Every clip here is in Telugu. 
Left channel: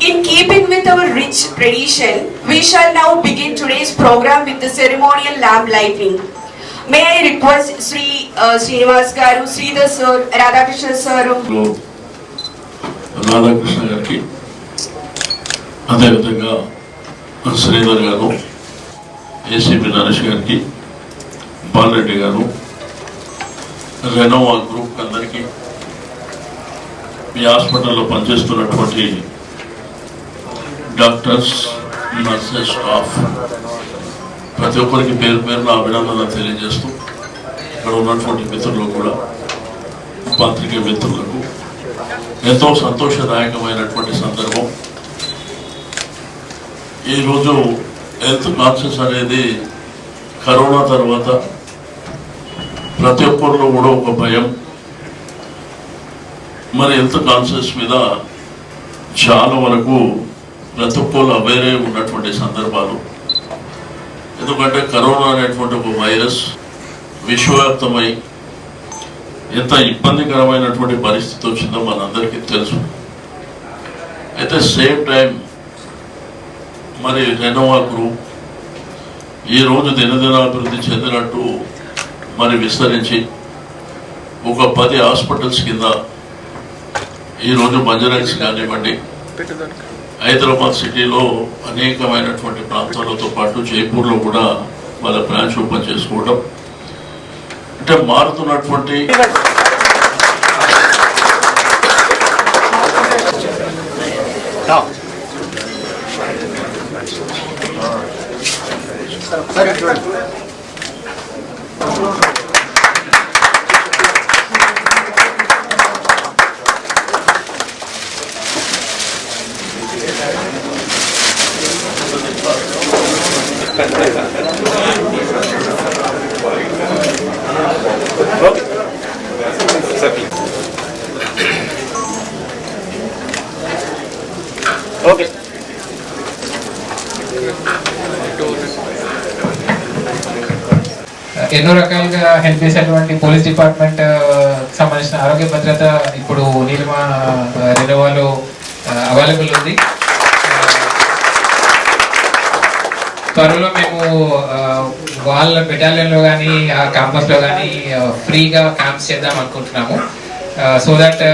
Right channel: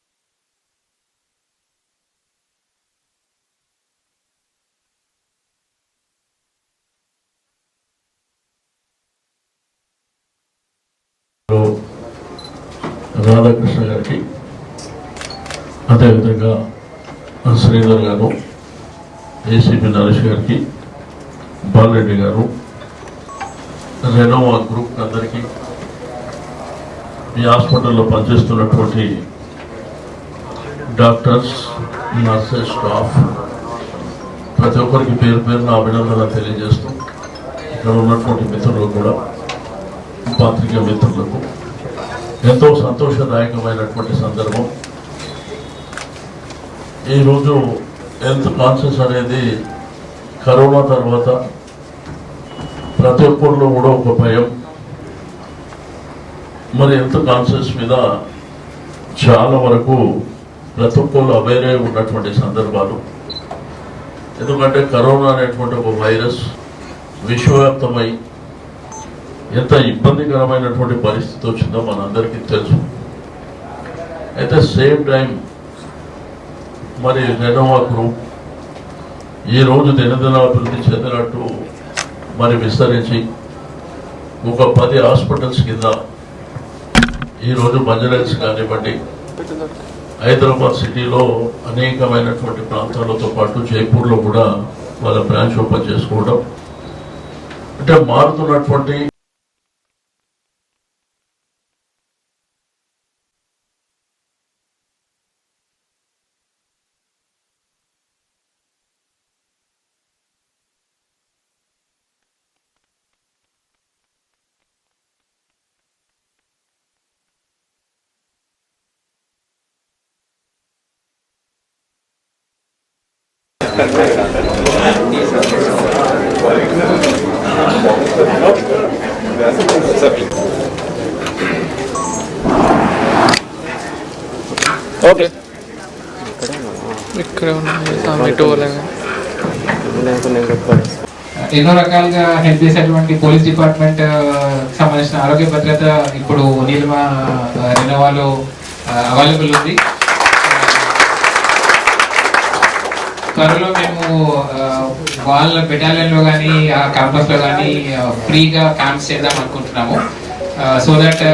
in keeping with our rich tradition, we shall now begin today's program with the ceremonial lamp lighting. May I request Sri uh, Srinivas Garu, Sridhar Sir, Radhakrishna Sir, లో రాధాకృష్ణ గారికి అదేవిధంగా శ్రీధర్ గారు ఏసీపీ నరేష్ గారికి బాలరెడ్డి గారు రెనోవా గ్రూప్ అందరికీ మీ హాస్పిటల్లో పనిచేస్తున్నటువంటి డాక్టర్స్ నర్సెస్ స్టాఫ్ ప్రతి ఒక్కరికి పేరు పేరున అభినందన తెలియజేస్తూ ఇక్కడ ఉన్నటువంటి మిత్రులు కూడా పాత్రిక మిత్రులకు ఎంతో సంతోషదాయకమైనటువంటి సందర్భం. ఈరోజు హెల్త్ కాన్షియస్ అనేది కరోనా తర్వాత ప్రతి ఒక్కరిలో కూడా ఒక భయం. మరి హెల్త్ కాన్షియస్ మీద చాలా వరకు ప్రతి ఒక్కరు ఉన్నటువంటి సందర్భాలు. ఎందుకంటే కరోనా అనేటువంటి ఒక వైరస్ విశ్వవ్యాప్తమై ఎంత ఇబ్బందికరమైనటువంటి పరిస్థితి వచ్చిందో మనందరికీ తెలుసు. అయితే సేమ్ టైం మరి రెనోవా గ్రూప్ ఈరోజు దినదినాభివృద్ధి చెందినట్టు మరి విస్తరించి ఒక పది హాస్పిటల్స్ కింద ఈరోజు బంజరైల్స్ కానివ్వండి హైదరాబాద్ సిటీలో అనేకమైనటువంటి ప్రాంతాలతో పాటు జైపూర్లో కూడా వాళ్ళ బ్రాంచ్ ఓపెన్ చేసుకోవడం. అంటే మారుతున్నటువంటి ఓకే ఇక్కడ ఓకే ఎన్నో రకాలుగా హెల్ప్ చేసేటువంటి పోలీస్ డిపార్ట్మెంట్ సంబంధించిన ఆరోగ్య భద్రత ఇప్పుడు నీలిమ రెనోవాలో అవైలబుల్ ఉంది. త్వరలో మేము వాళ్ళ బెటాలియన్లో కానీ ఆ క్యాంపస్లో కానీ ఫ్రీగా క్యాంప్స్ చేద్దాం అనుకుంటున్నాము. సో దట్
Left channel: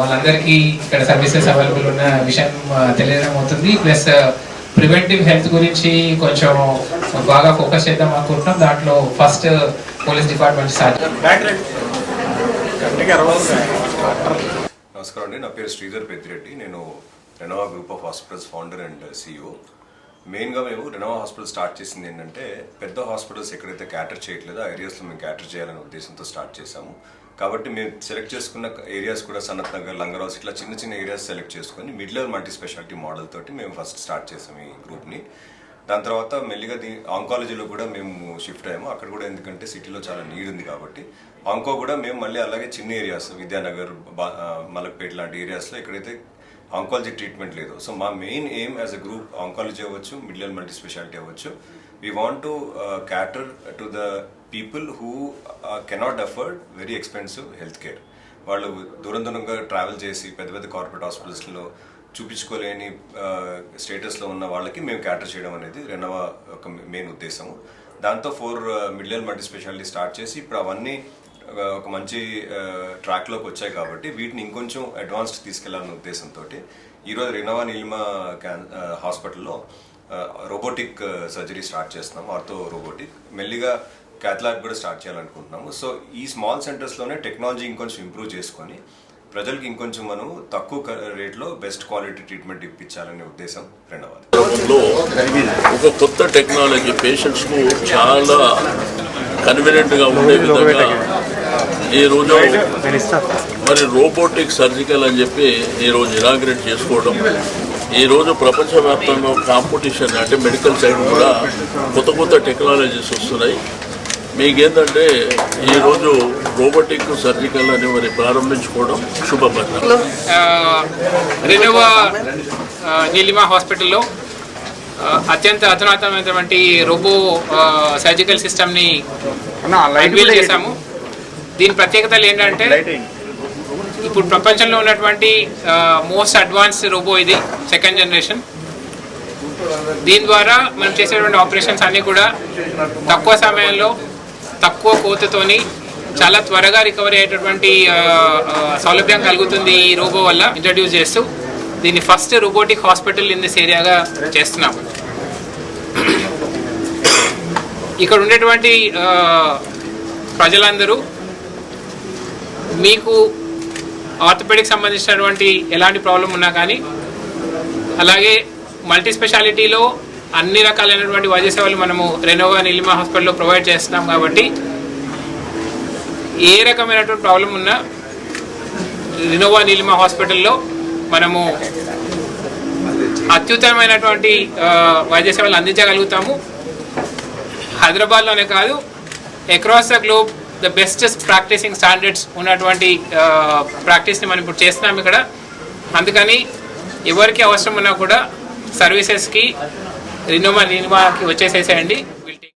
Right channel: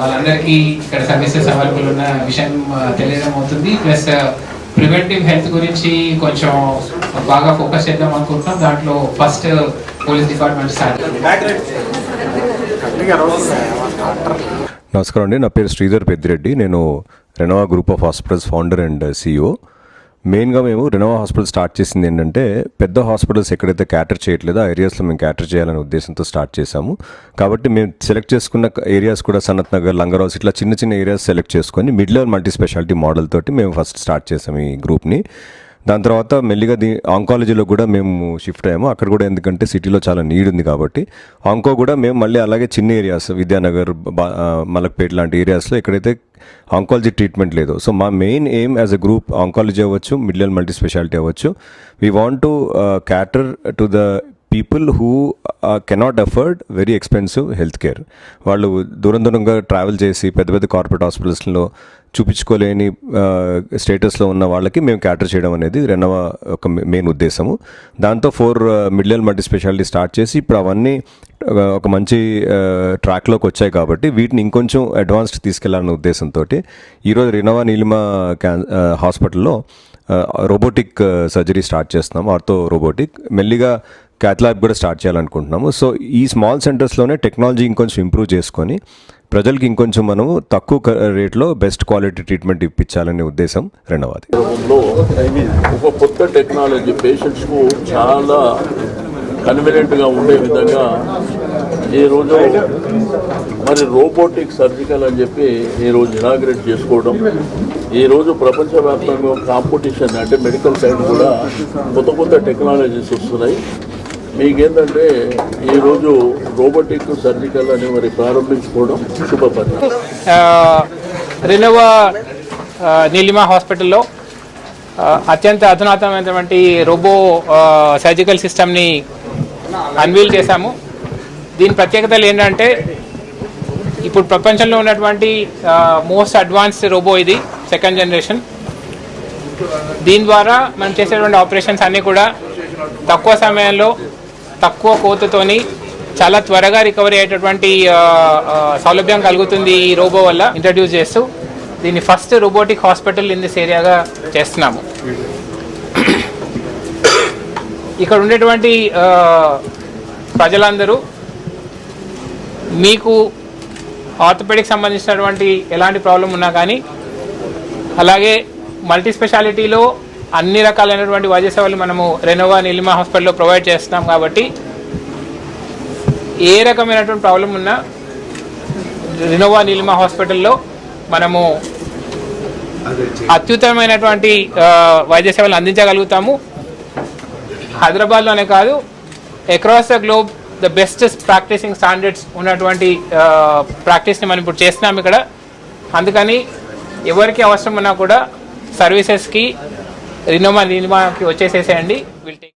వాళ్ళందరికీ ఇక్కడ సర్వీసెస్ అవైలబుల్ ఉన్న విషయం తెలియడం అవుతుంది. ప్లస్ ప్రివెంటివ్ హెల్త్ గురించి కొంచెం బాగా ఫోకస్ చేద్దాం అనుకుంటున్నాం. దాంట్లో ఫస్ట్ పోలీస్ డిపార్ట్మెంట్ స్టార్ట్ నమస్కారం అండి. నా పేరు శ్రీధర్ పెద్దిరెడ్డి. నేను Renova group of hospitals founder and CEO మెయిన్గా మేము రెనోవా హాస్పిటల్ స్టార్ట్ చేసింది ఏంటంటే పెద్ద హాస్పిటల్స్ ఎక్కడైతే క్యాటర్ చేయట్లేదో ఆ ఏరియాస్లో మేము క్యాటర్ చేయాలనే ఉద్దేశంతో స్టార్ట్ చేశాము. కాబట్టి మేము సెలెక్ట్ చేసుకున్న ఏరియాస్ కూడా సనత్ నగర్ లంగరాస్ ఇట్లా చిన్న చిన్న ఏరియాస్ సెలెక్ట్ చేసుకొని mid level multi speciality model తోటి మేము ఫస్ట్ స్టార్ట్ చేసాము ఈ గ్రూప్ని. దాని తర్వాత మెల్లిగా దీ ఆంకాలజీలో కూడా మేము షిఫ్ట్ అయ్యాము. అక్కడ కూడా ఎందుకంటే సిటీలో చాలా నీడ్ ఉంది కాబట్టి. ఆంకో కూడా మేము మళ్ళీ అలాగే చిన్న ఏరియాస్ విద్యానగర్ బా- మలక్పేట్ లాంటి ఏరియాస్లో ఎక్కడైతే ఆంకాలజీ ట్రీట్మెంట్ లేదు. సో మా main aim as a group oncology అవ్వచ్చు మిడిల్ అండ్ మల్టీ స్పెషాలిటీ అవ్వచ్చు we want to cater to the people who cannot afford very expensive health care వాళ్ళు దూరం దూరంగా ట్రావెల్ చేసి పెద్ద పెద్ద కార్పొరేట్ హాస్పిటల్స్లో చూపించుకోలేని uh, స్టేటస్లో ఉన్న వాళ్ళకి మేము క్యాటర్ చేయడం అనేది రెనోవా ఒక మెయిన్ ఉద్దేశము. దాంతో four middle multi speciality start చేసి ఇప్పుడు అవన్నీ uh, ఒక- మంచి uh, ట్రాక్లోకి వచ్చాయి కాబట్టి వీటిని ఇంకొంచెం అడ్వాన్స్డ్ తీసుకెళ్ళాలనే ఉద్దేశంతో ఈరోజు రెనోవా నీలిమ క్యాన్ హాస్పిటల్లో రోబోటిక్ సర్జరీ స్టార్ట్ చేస్తున్నాం. ఆర్థో రోబోటిక్ మెల్లిగా క్యాథ్లాబ్ కూడా స్టార్ట్ చేయాలనుకుంటున్నాము. సో ఈ స్మాల్ సెంటర్స్లోనే టెక్నాలజీ ఇంకొంచెం ఇంప్రూవ్ చేసుకొని ప్రజలకి ఇంకొంచెం మనము తక్కువ రేట్లో బెస్ట్ క్వాలిటీ ట్రీట్మెంట్ ఇప్పించాలనే ఉద్దేశం రెండవది. ఒక కొత్త టెక్నాలజీ పేషెంట్స్కు చాలా కన్వీనియంట్గా ఉండే విధంగా ఈరోజు మరి రోబోటిక్ సర్జికల్ అని చెప్పి ఈరోజు ఇనాగ్రేట్ చేసుకోవడం ఈరోజు ప్రపంచవ్యాప్తంగా కాంపిటీషన్ అంటే మెడికల్ సైడ్ కూడా కొత్త కొత్త టెక్నాలజీస్ వస్తున్నాయి. మీకేంటంటే ఈరోజు రోబోటిక్ సర్జికల్ అని మరి ప్రారంభించుకోవడం శుభపరిణామం. రెనోవా నీలిమా హాస్పిటల్లో అత్యంత అధునాతనమైనటువంటి రోబో సర్జికల్ సిస్టమ్ని అన్వీల్ చేశాము. దీని ప్రత్యేకతలు ఏంటంటే ఇప్పుడు ప్రపంచంలో ఉన్నటువంటి మోస్ట్ అడ్వాన్స్ రోబో ఇది సెకండ్ జనరేషన్ దీని ద్వారా మనం చేసేటువంటి ఆపరేషన్స్ అన్నీ కూడా తక్కువ సమయంలో తక్కువ కోతతోని చాలా త్వరగా రికవరీ అయ్యేటటువంటి సౌలభ్యం కలుగుతుంది ఈ రోబో వల్ల ఇంట్రడ్యూస్ చేస్తూ దీన్ని first robotic hospital in this ఏరియాగా చేస్తున్నాము. ఇక్కడ ఉండేటువంటి ప్రజలందరూ మీకు ఆర్థోపెడిక్ సంబంధించినటువంటి ఎలాంటి ప్రాబ్లం ఉన్నా కానీ అలాగే మల్టీ స్పెషాలిటీలో అన్ని రకాలైనటువంటి వైద్య సేవలు మనము రెనోవా నిలిమా హాస్పిటల్లో ప్రొవైడ్ చేస్తున్నాం కాబట్టి ఏ రకమైనటువంటి ప్రాబ్లం ఉన్నా రెనోవా నీలిమా హాస్పిటల్లో మనము అత్యుత్తమైనటువంటి వైద్య సేవలు అందించగలుగుతాము. హైదరాబాద్లోనే కాదు across the globe the best practicing standards ఉన్నటువంటి ప్రాక్టీస్ని మనం ఇప్పుడు చేస్తున్నాం ఇక్కడ. అందుకని ఎవరికి అవసరం ఉన్నా కూడా సర్వీసెస్కి రినోమా నినిమాకి వచ్చేసేసేయండి.